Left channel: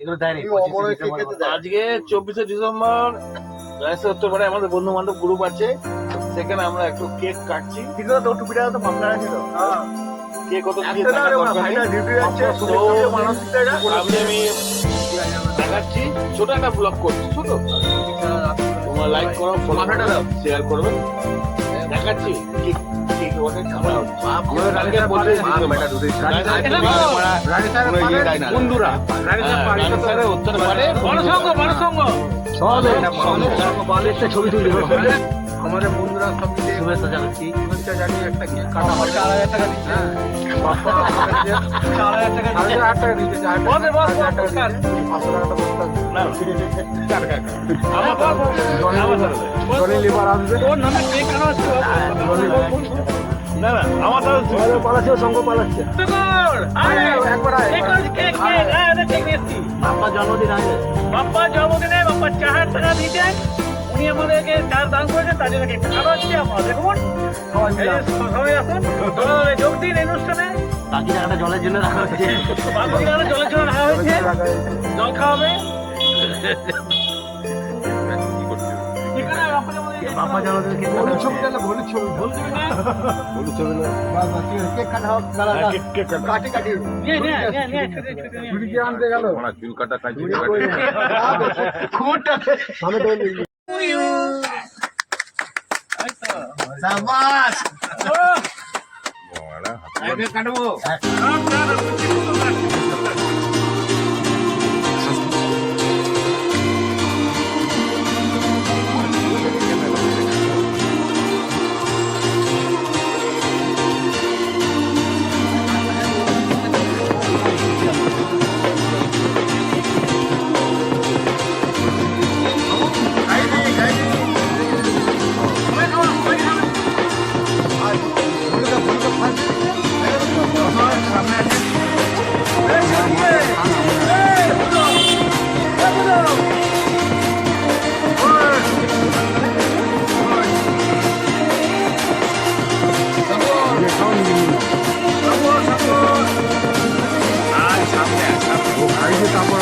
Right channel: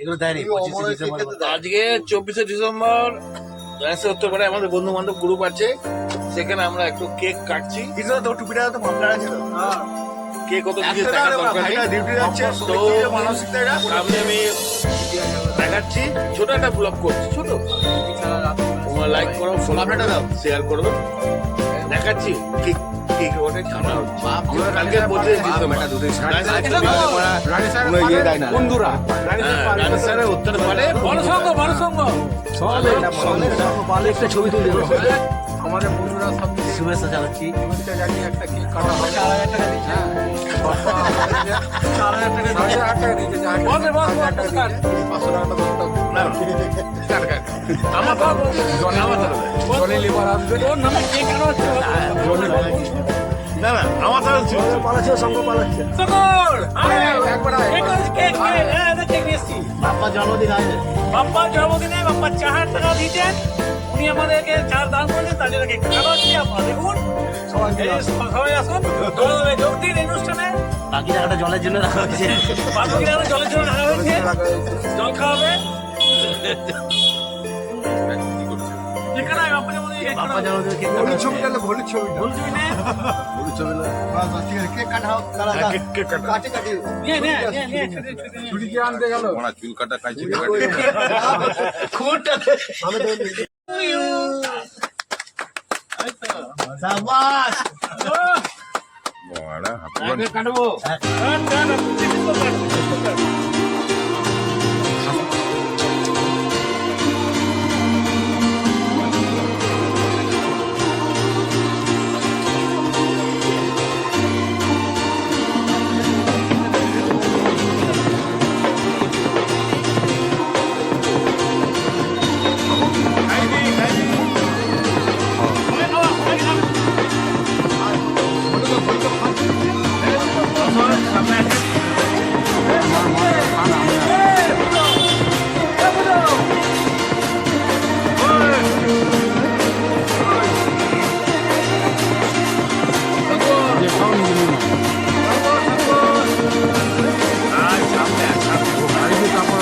এগুলো দেয়নি আজকে 24শে ডিসেম্বর গণেশের উত্তরপাড়ে আমাদের বন্ধু বান্ধব গ্রুপ আছে, সেখানে আমরা একটু কেক কাটছি। কিছু তো টুপিটা তো মামলা আছে তো কে কত কিছু টাকা দরকার নেই, তো সামনে আমি দেখাচ্ছি। ছোট একটা ব্লগ করছি, ছোট, তোমরা লাইক করো, ফলো করো, শেয়ার করো। দেখাচ্ছি কেক কেক ওটা খাওয়া হবে। কালকে 25শে ডিসেম্বর বন্ধুরা রানী স্যারের উত্তর পারে একটা ছবি তুলি আমাদের বন্ধুরা সব মিলে শুভেচ্ছা জানাচ্ছি। শুভেচ্ছা জানিয়ে একটা কেক কাটা হবে। হ্যাঁ, বাপ্পা আমাদেরকে 8,500 টাকা দিতে চায়, 8,500 টাকা দিতে 500 টাকাটা বলতে হবে। জনি লিভার আসবে, না না আমার পালাচ্ছে, সঙ্গ পালাচ্ছে। একবার আয়, বাপ্পা জন্মদিন আছে, বাপ্পার জন্মদিনে বাপ্পা 4 টাকা দিতেন, উনি আমাদেরকে 4 দান করেছেন, তার জন্য কেকটা কাটা হচ্ছে। আপনারা দেখুন, সবাই আসুন, দলে যোগ দিন এই অনুষ্ঠানে। বাকি টাকাটা জলের জন্য রাখা হয়েছে। বাকি টাকাটা জলের জন্য রাখা হয়েছে, জল খাওয়াবে। এখানে বাপ্পার জন্মদিনে বাপ্পা জন্মদিন কেক হলুদ ছবি গেল, হলুদ ছবি, হলুদ ছবি না, কেক কাটা হোক, কেক কাটা কাটি কাটি ছুরি কি আনতে গেল, চুল কাটা খাইছি সাবাস। কাটবো। তারপর